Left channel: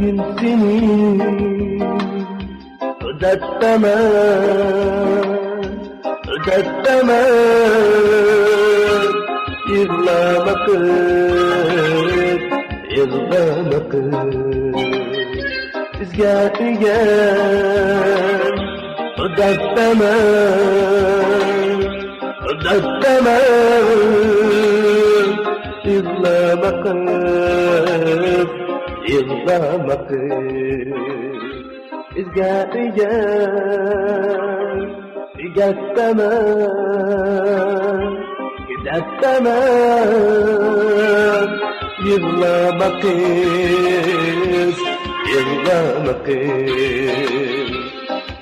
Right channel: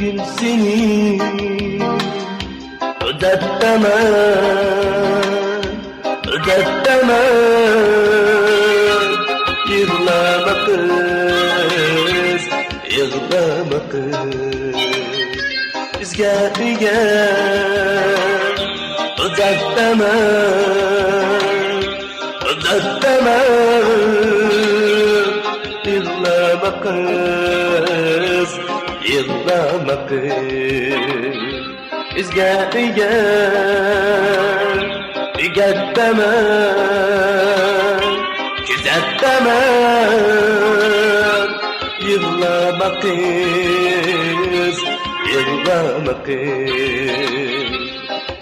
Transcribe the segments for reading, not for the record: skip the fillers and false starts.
gün seni ödetemem Yığlama kız, yığlama kız Bizge ödetemem Yığlama kız, yığlama kız Bizge ödetemem Güzettemem Yığlama kız, yığlama kız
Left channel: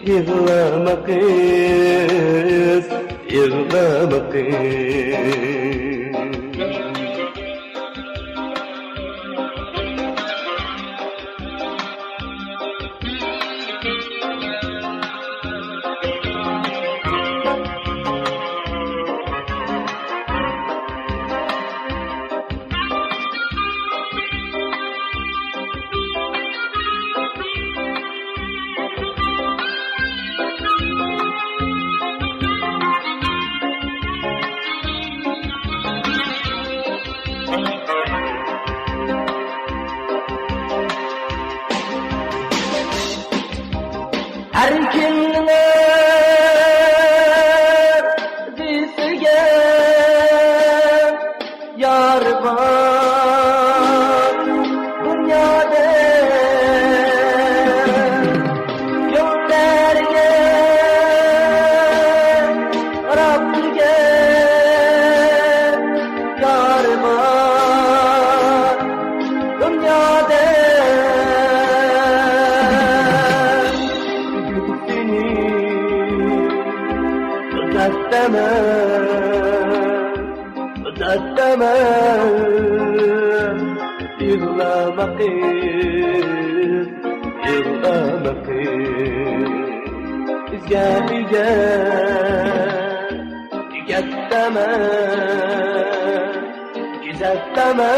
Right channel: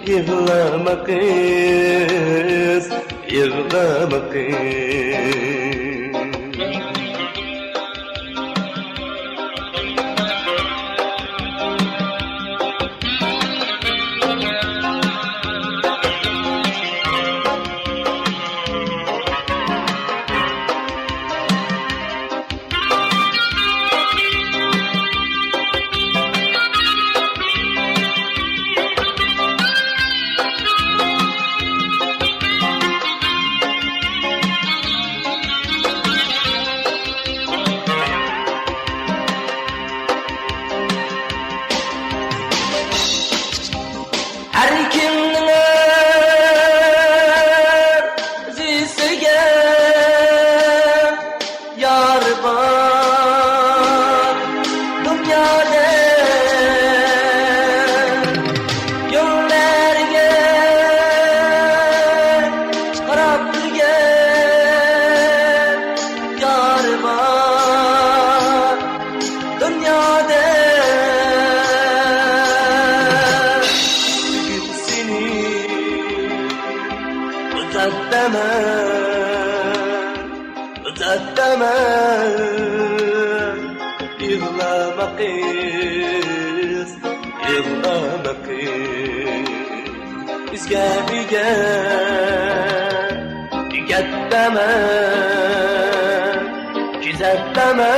Yığlama kız, yığlama kız Her kimnin özüsüge yar var dünyada yollarga qarab turgan yar var dünyada ödetemem Yığlama kız, yığlama kız Bizge ödetemem Güzettemem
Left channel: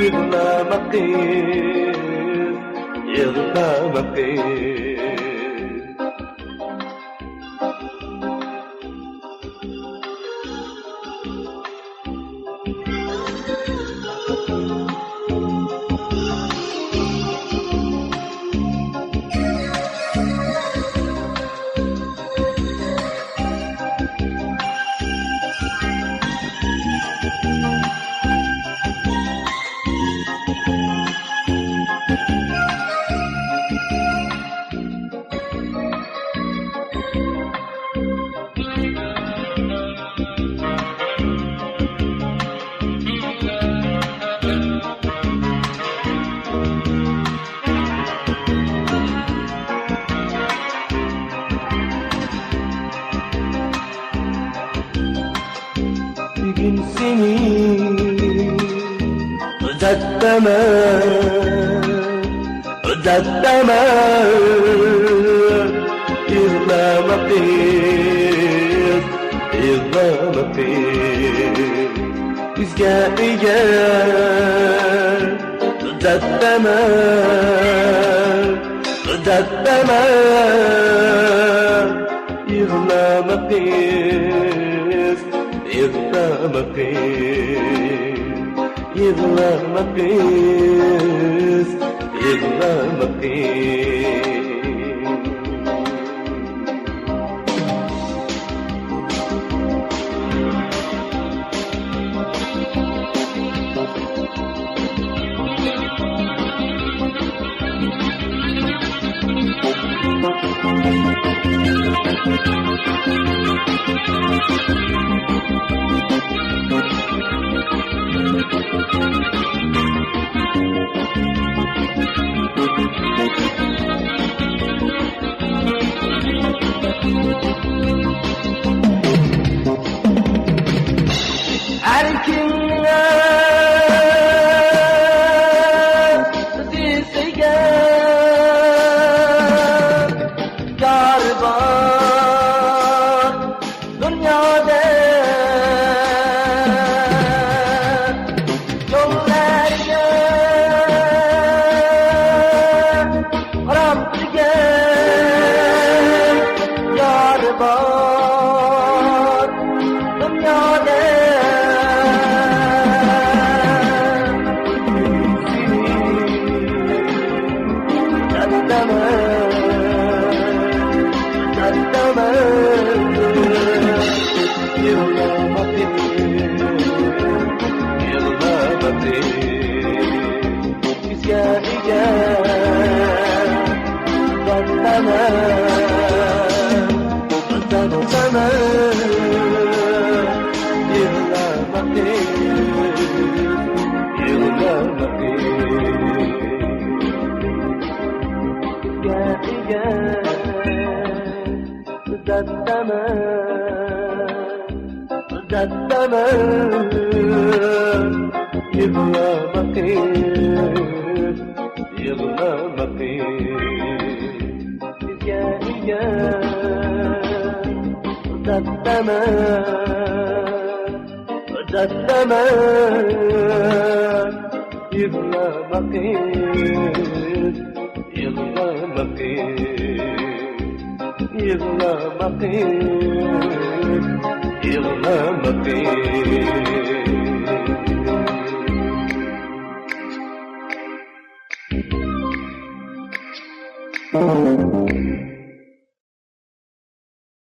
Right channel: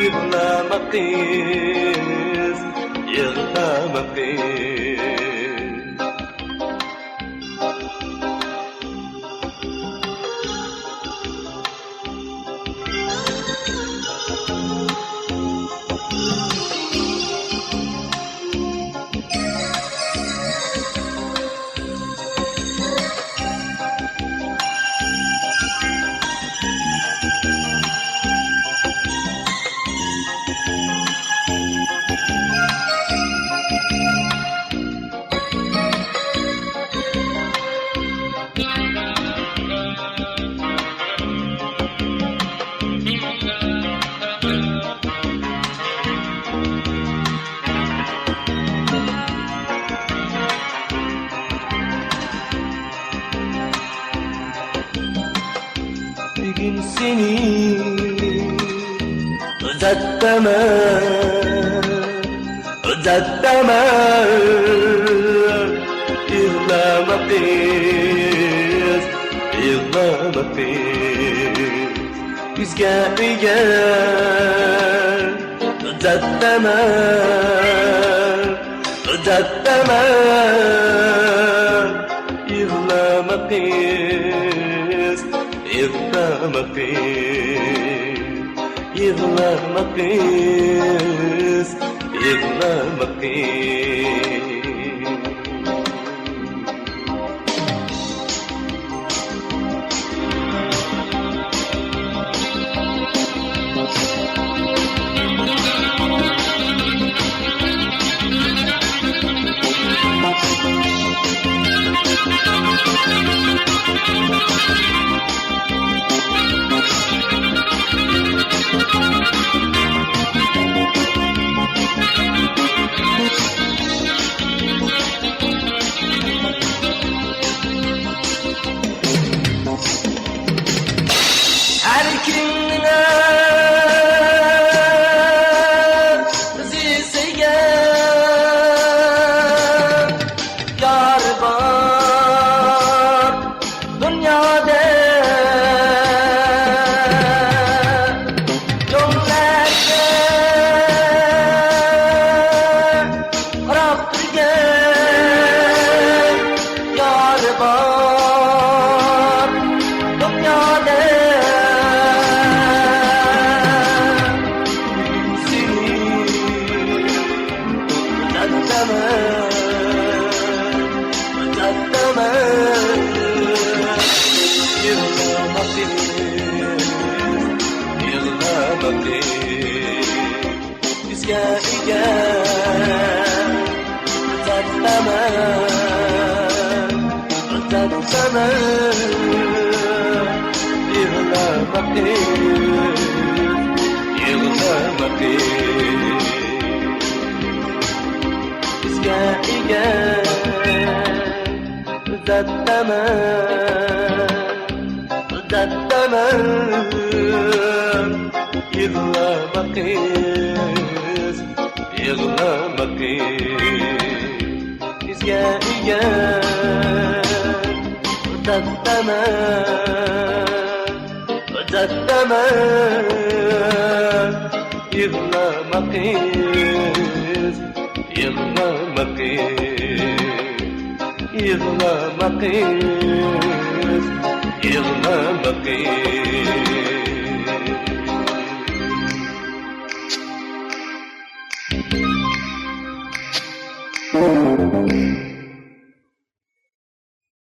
Yığlama kız, yığlama kız Bir gün seni ödetemem Yığlama kız, yığlama kız Bizge ödetemem Yığlama kız, yığlama kız Yığlama kız, yığlama kız Her kimnin özüsüge yar var dünyada yollarga Yığlama kız, yığlama kız. Bizga ega uzatlama, uzatlama. Yığlama kız, yığlama kız. Yığlama kız, yığlama kız.